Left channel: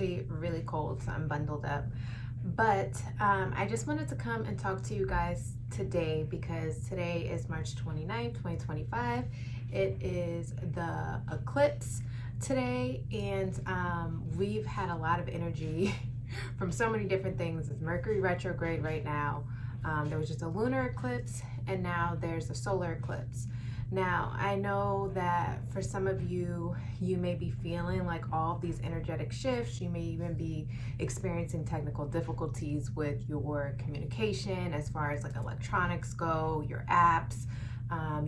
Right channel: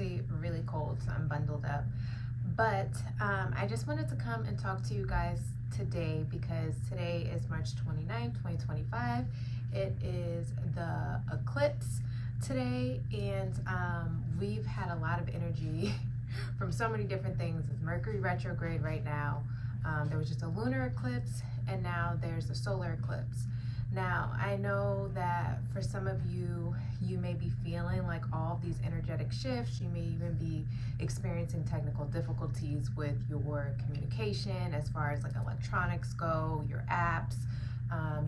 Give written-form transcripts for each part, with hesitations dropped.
actually really cold, so I'm bundled up. But I just wanted to come and talk to you guys today because today is March 29th, 2025. It is the eclipse today, and we've had a lot of energy from so many different things. It's Mercury retrograde right now. There was just a lunar eclipse, and now there's a solar eclipse. Now, I know that for some of you, you may be feeling like all of these energetic shifts. You may even be experiencing technical difficulties with your communication as far as like electronics go, your apps.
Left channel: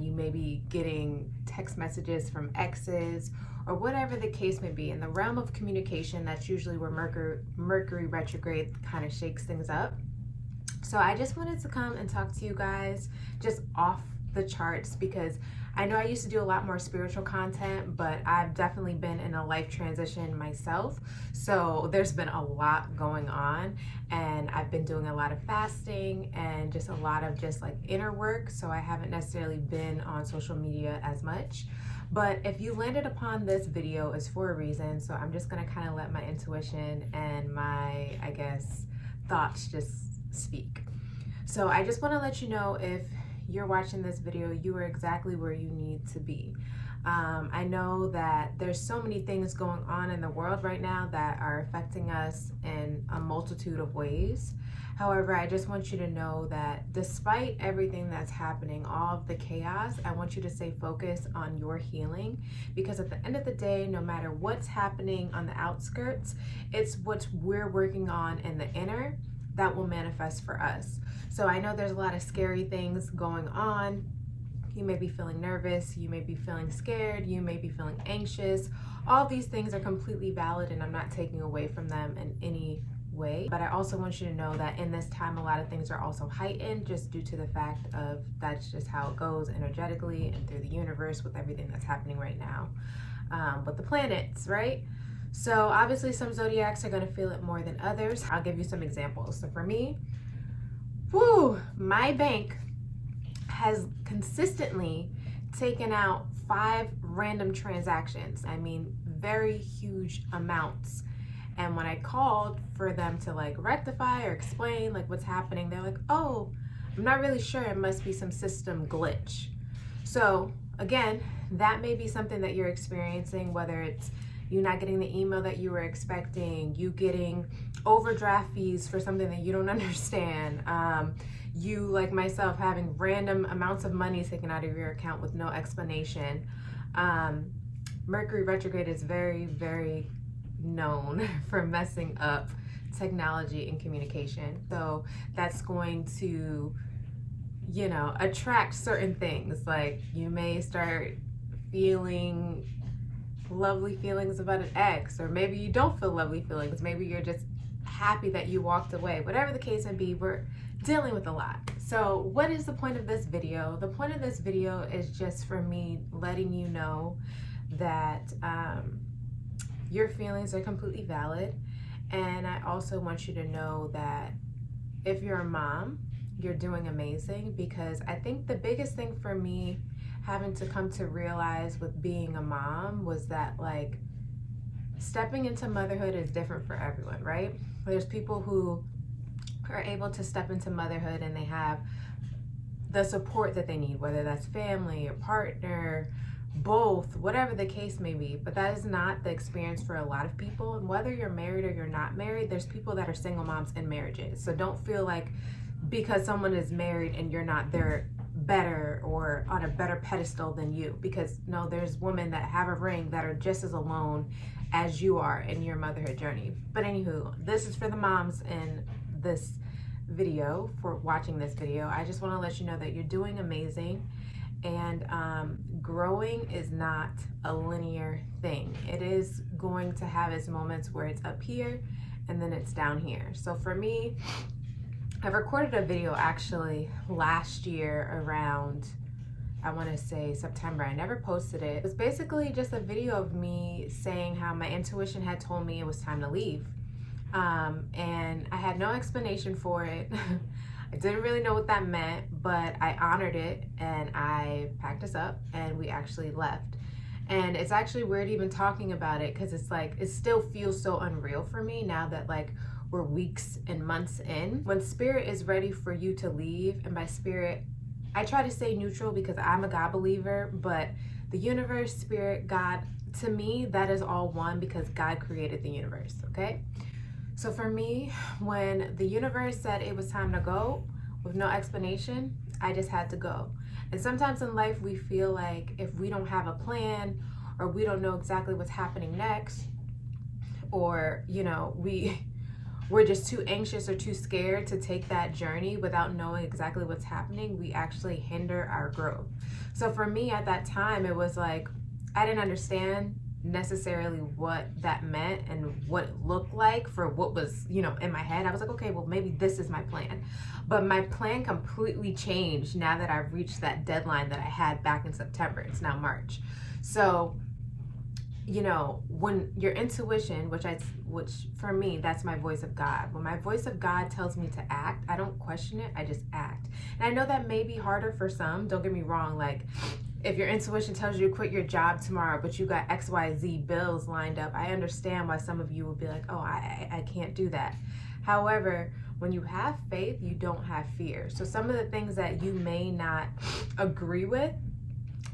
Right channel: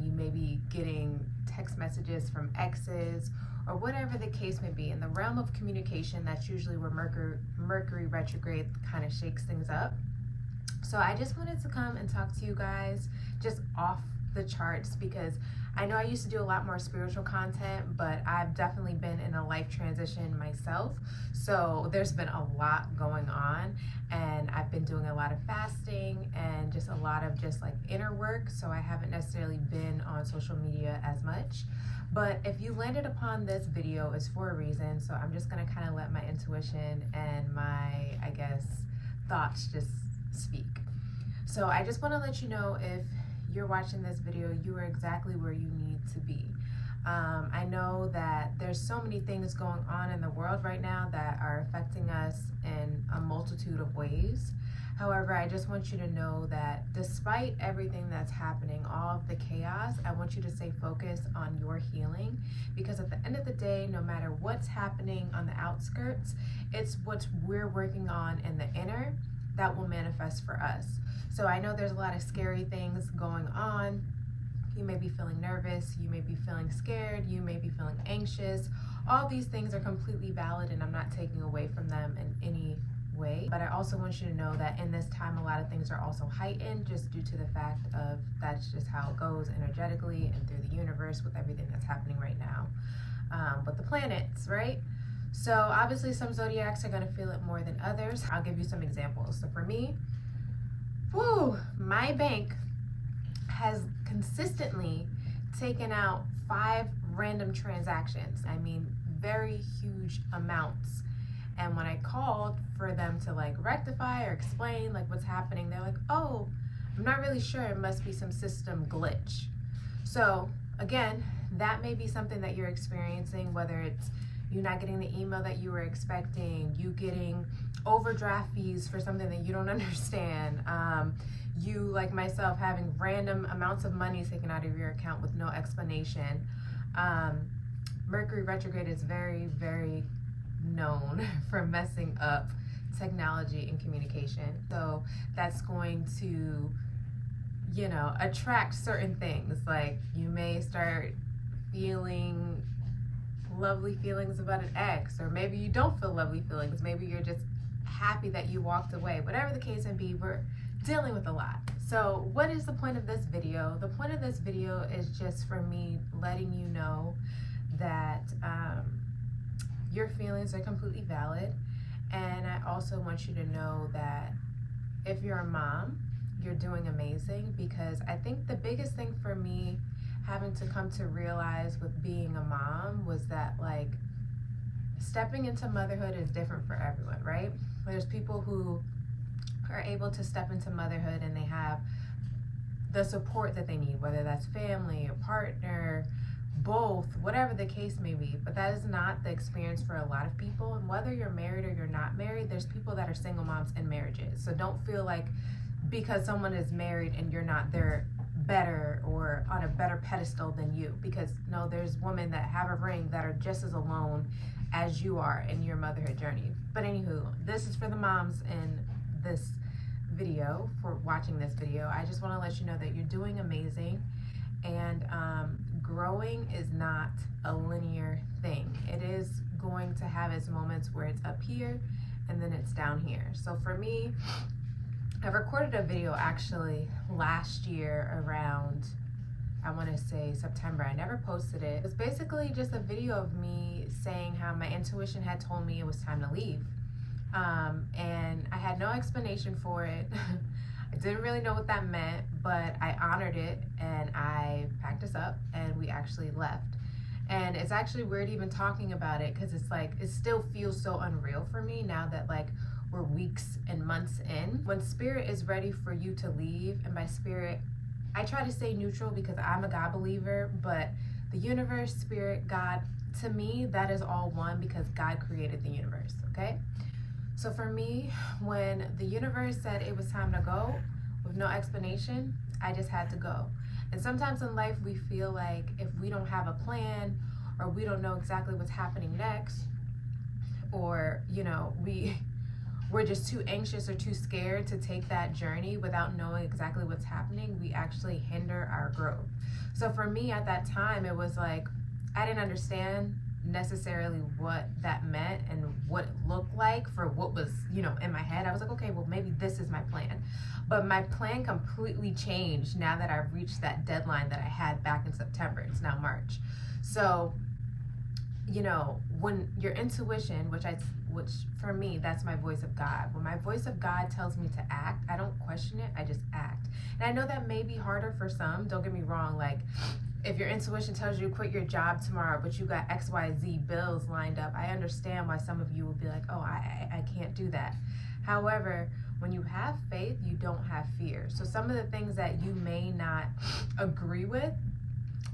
You may be getting text messages from exes or whatever the case may be. In the realm of communication, that's usually where Mercury retrograde kind of shakes things up. So I just wanted to come and talk to you guys just off the charts, because I know I used to do a lot more spiritual content, but I've definitely been in a life transition myself. So there's been a lot going on, and I've been doing a lot of fasting and just a lot of just like inner work. So I haven't necessarily been on social media as much. But if you landed upon this video, it's for a reason. So I'm just gonna kind of let my intuition and my, I guess, thoughts just speak. So I just want to let you know, if you're watching this video, you are exactly where you need to be. I know that there's so many things going on in the world right now that are affecting us in a multitude of ways. However, I just want you to know that despite everything that's happening, all of the chaos, I want you to stay focused on your healing, because at the end of the day, no matter what's happening on the outskirts, it's what we're working on in the inner that will manifest for us. So I know there's a lot of scary things going on. You may be feeling nervous, you may be feeling scared, you may be feeling anxious. All these things are completely valid, and I'm not taking away from them in any way. But I also want you to know that in this time, a lot of things are also heightened just due to the fact of that's just how it goes energetically and through the universe with everything that's happening right now. With the planets, right? So obviously some zodiacs are going to feel it more than others. I'll give you some examples. So for me, my bank has consistently taken out 5 random transactions. I mean, very huge amounts. And when I called for them to like rectify or explain like what's happening, they're like, oh, I'm not really sure. It must be some system glitch. So again, that may be something that you're experiencing, whether it's you not getting the email that you were expecting, you getting overdraft fees for something that you don't understand, you, like myself, having random amounts of money taken out of your account with no explanation. Mercury retrograde is very, very known for messing up technology and communication. So that's going to, you know, attract certain things. Like you may start feeling lovely feelings about an ex, or maybe you don't feel lovely feelings. Maybe you're just happy that you walked away. Whatever the case may be, we're dealing with a lot. So what is the point of this video? The point of this video is just for me letting you know that your feelings are completely valid. And I also want you to know that if you're a mom, you're doing amazing, because I think the biggest thing for me having to come to realize with being a mom was that like stepping into motherhood is different for everyone, right? There's people who are able to step into motherhood and they have the support that they need, whether that's family or partner, both, whatever the case may be. But that is not the experience for a lot of people. And whether you're married or you're not married, there's people that are single moms in marriages. So don't feel like because someone is married and you're not, they're better or on a better pedestal than you, because no, there's women that have a ring that are just as alone as you are in your motherhood journey. But anywho, this is for the moms in this video, for watching this video. I just want to let you know that you're doing amazing, and growing is not a linear thing. It is going to have its moments where it's up here and then it's down here. So for me, I recorded a video actually last year around, I want to say September. I never posted it. It was basically just a video of me saying how my intuition had told me it was time to leave. And I had no explanation for it. I didn't really know what that meant, but I honored it and I packed us up and we actually left. And it's actually weird even talking about it, because it's like, it still feels so unreal for me now that like we're weeks and months in. When spirit is ready for you to leave, and by spirit, I try to stay neutral because I'm a God believer, but the universe, spirit, God, to me, that is all one, because God created the universe, okay? So for me, when the universe said it was time to go with no explanation, I just had to go. And sometimes in life, we feel like if we don't have a plan, or we don't know exactly what's happening next, or, you know, we're just too anxious or too scared to take that journey without knowing exactly what's happening, we actually hinder our growth. So for me at that time, it was like, I didn't understand necessarily what that meant and what it looked like for what was, you know, in my head. I was like, okay, well, maybe this is my plan. But my plan completely changed now that I've reached that deadline that I had back in September. It's now March. So, you know, when your intuition, which for me, that's my voice of God. When my voice of God tells me to act, I don't question it, I just act. And I know that may be harder for some, don't get me wrong. Like, if your intuition tells you to quit your job tomorrow, but you got XYZ bills lined up, I understand why some of you would be like, oh, I can't do that. However, when you have faith, you don't have fear. So some of the things that you may not agree with,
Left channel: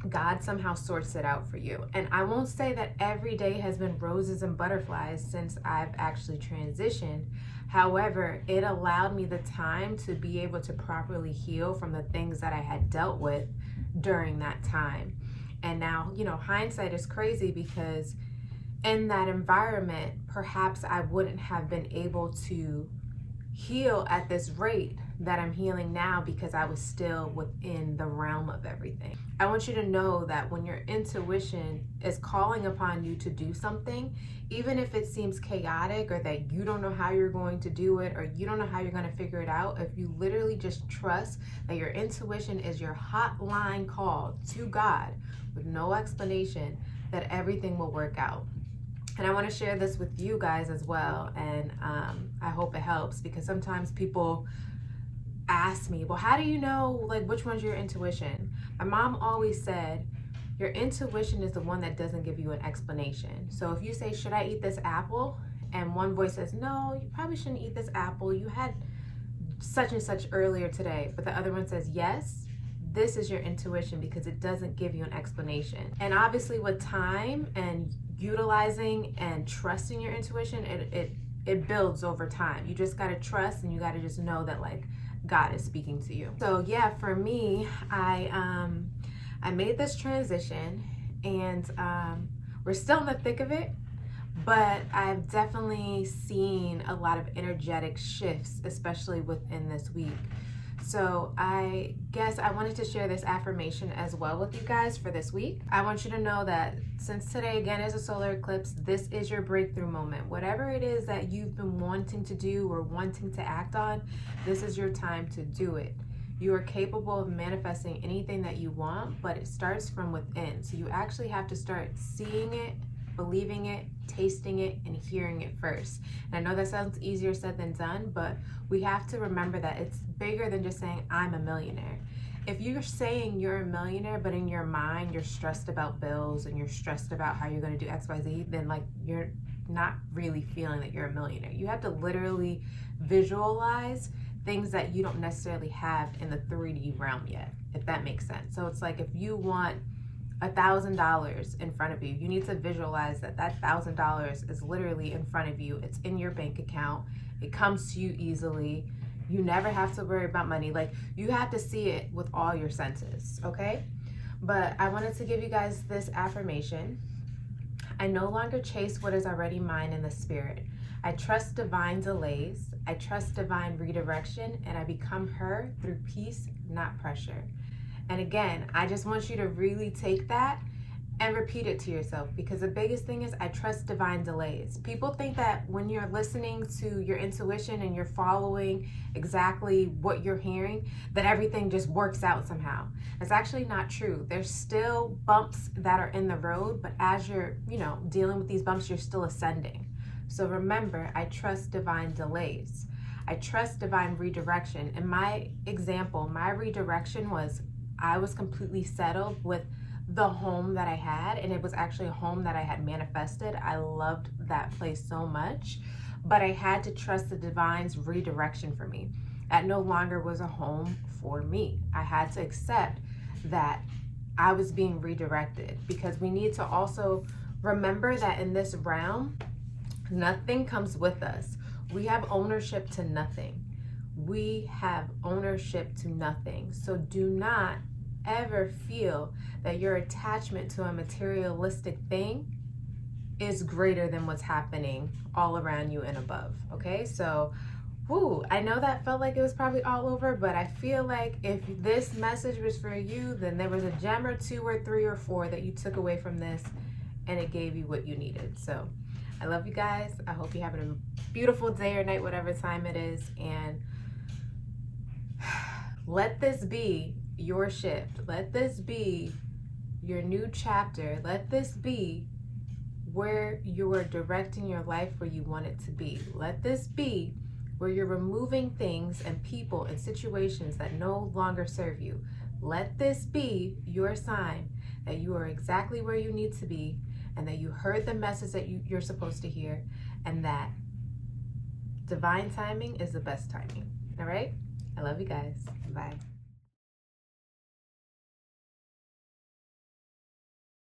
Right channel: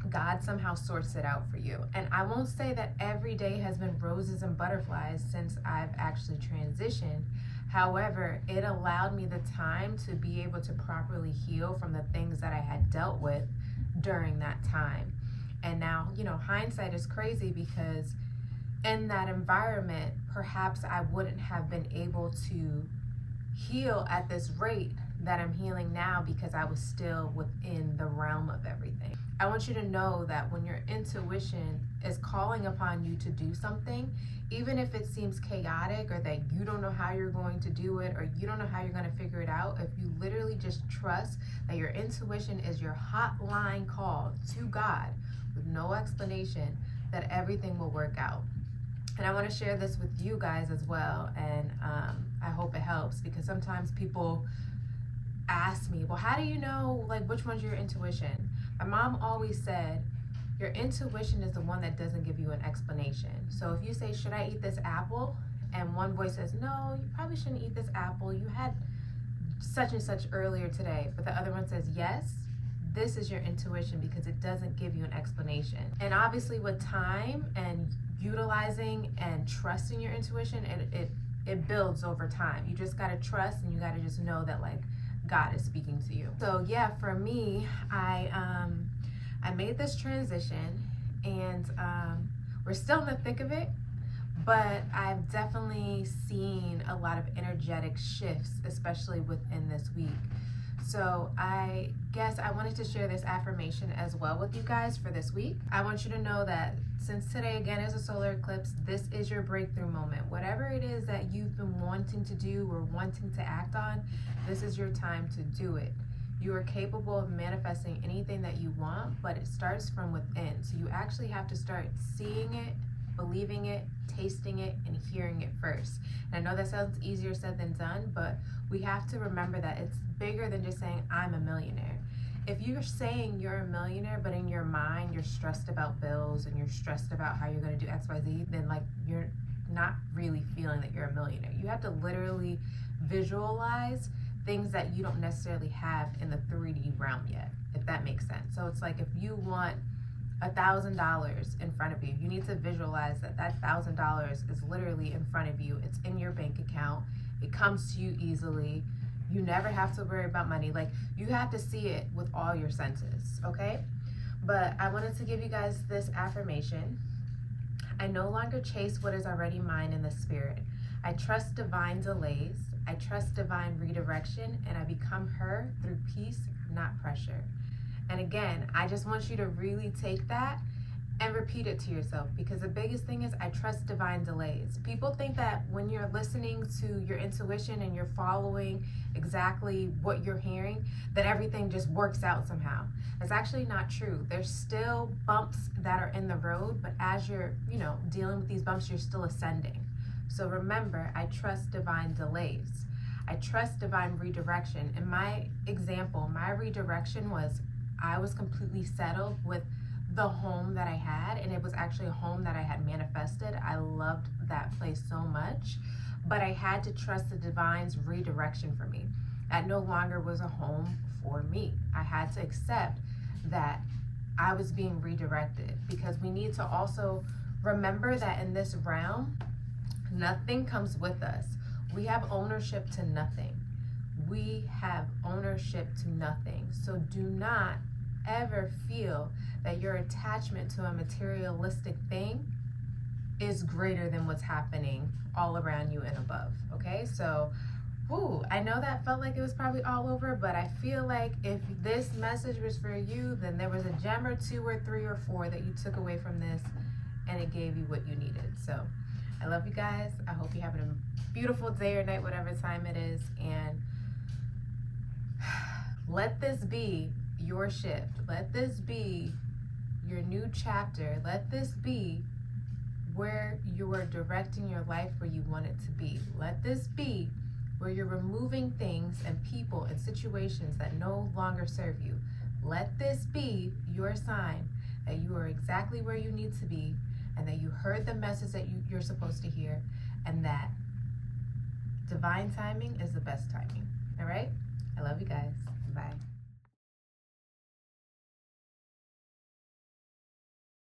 God somehow sorts it out for you. And I won't say that every day has been roses and butterflies since I've actually transitioned. However, it allowed me the time to be able to properly heal from the things that I had dealt with during that time. And now, you know, hindsight is crazy, because in that environment, perhaps I wouldn't have been able to heal at this rate that I'm healing now, because I was still within the realm of everything. I want you to know that when your intuition is calling upon you to do something, even if it seems chaotic, or that you don't know how you're going to do it, or you don't know how you're going to figure it out, if you literally just trust that your intuition is your hotline call to God with no explanation, that everything will work out. And I want to share this with you guys as well, and I hope it helps, because sometimes people ask me, well, how do you know, like, which one's your intuition? My mom always said, your intuition is the one that doesn't give you an explanation. So if you say, should I eat this apple? And one voice says, no, you probably shouldn't eat this apple. You had such and such earlier today. But the other one says, yes, this is your intuition, because it doesn't give you an explanation. And obviously with time and utilizing and trusting your intuition, it builds over time. You just got to trust, and you got to just know that, like, God is speaking to you. So yeah, for me, I made this transition, and we're still in the thick of it, but I've definitely seen a lot of energetic shifts, especially within this week. So I guess I wanted to share this affirmation as well with you guys for this week. I want you to know that since today again is a solar eclipse, this is your breakthrough moment. Whatever it is that you've been wanting to do or wanting to act on, this is your time to do it. You are capable of manifesting anything that you want, but it starts from within. So you actually have to start seeing it, believing it, tasting it, and hearing it first. And I know that sounds easier said than done, but we have to remember that it's bigger than just saying, I'm a millionaire. If you're saying you're a millionaire, but in your mind, you're stressed about bills and you're stressed about how you're going to do XYZ, then like you're not really feeling that you're a millionaire. You have to literally visualize things that you don't necessarily have in the 3D realm yet, if that makes sense. So it's like if you want $1,000 in front of you, you need to visualize that $1,000 is literally in front of you. It's in your bank account. It comes to you easily. You never have to worry about money. Like, you have to see it with all your senses, okay? But I wanted to give you guys this affirmation. I no longer chase what is already mine in the spirit. I trust divine delays. I trust divine redirection, and I become her through peace, not pressure. And again, I just want you to really take that and repeat it to yourself, because the biggest thing is I trust divine delays. People think that when you're listening to your intuition and you're following exactly what you're hearing, that everything just works out somehow. It's actually not true. There's still bumps that are in the road, but as you're, dealing with these bumps, you're still ascending. So remember, I trust divine delays. I trust divine redirection. In my example, my redirection was I was completely settled with the home that I had, and it was actually a home that I had manifested. I loved that place so much, but I had to trust the divine's redirection for me. That no longer was a home for me. I had to accept that I was being redirected, because we need to also remember that in this realm, nothing comes with us. We have ownership to nothing. We have ownership to nothing. So do not ever feel that your attachment to a materialistic thing is greater than what's happening all around you and above. Okay, so I know that felt like it was probably all over, but I feel like if this message was for you, then there was a gem or two or three or four that you took away from this, and it gave you what you needed. So I love you guys. I hope you're having a beautiful day or night, whatever time it is, and let this be your shift. Let this be your new chapter. Let this be where you are directing your life where you want it to be. Let this be where you're removing things and people and situations that no longer serve you. Let this be your sign that you are exactly where you need to be, and that you heard the message that you're supposed to hear, and that divine timing is the best timing. All right? I love you guys. Bye.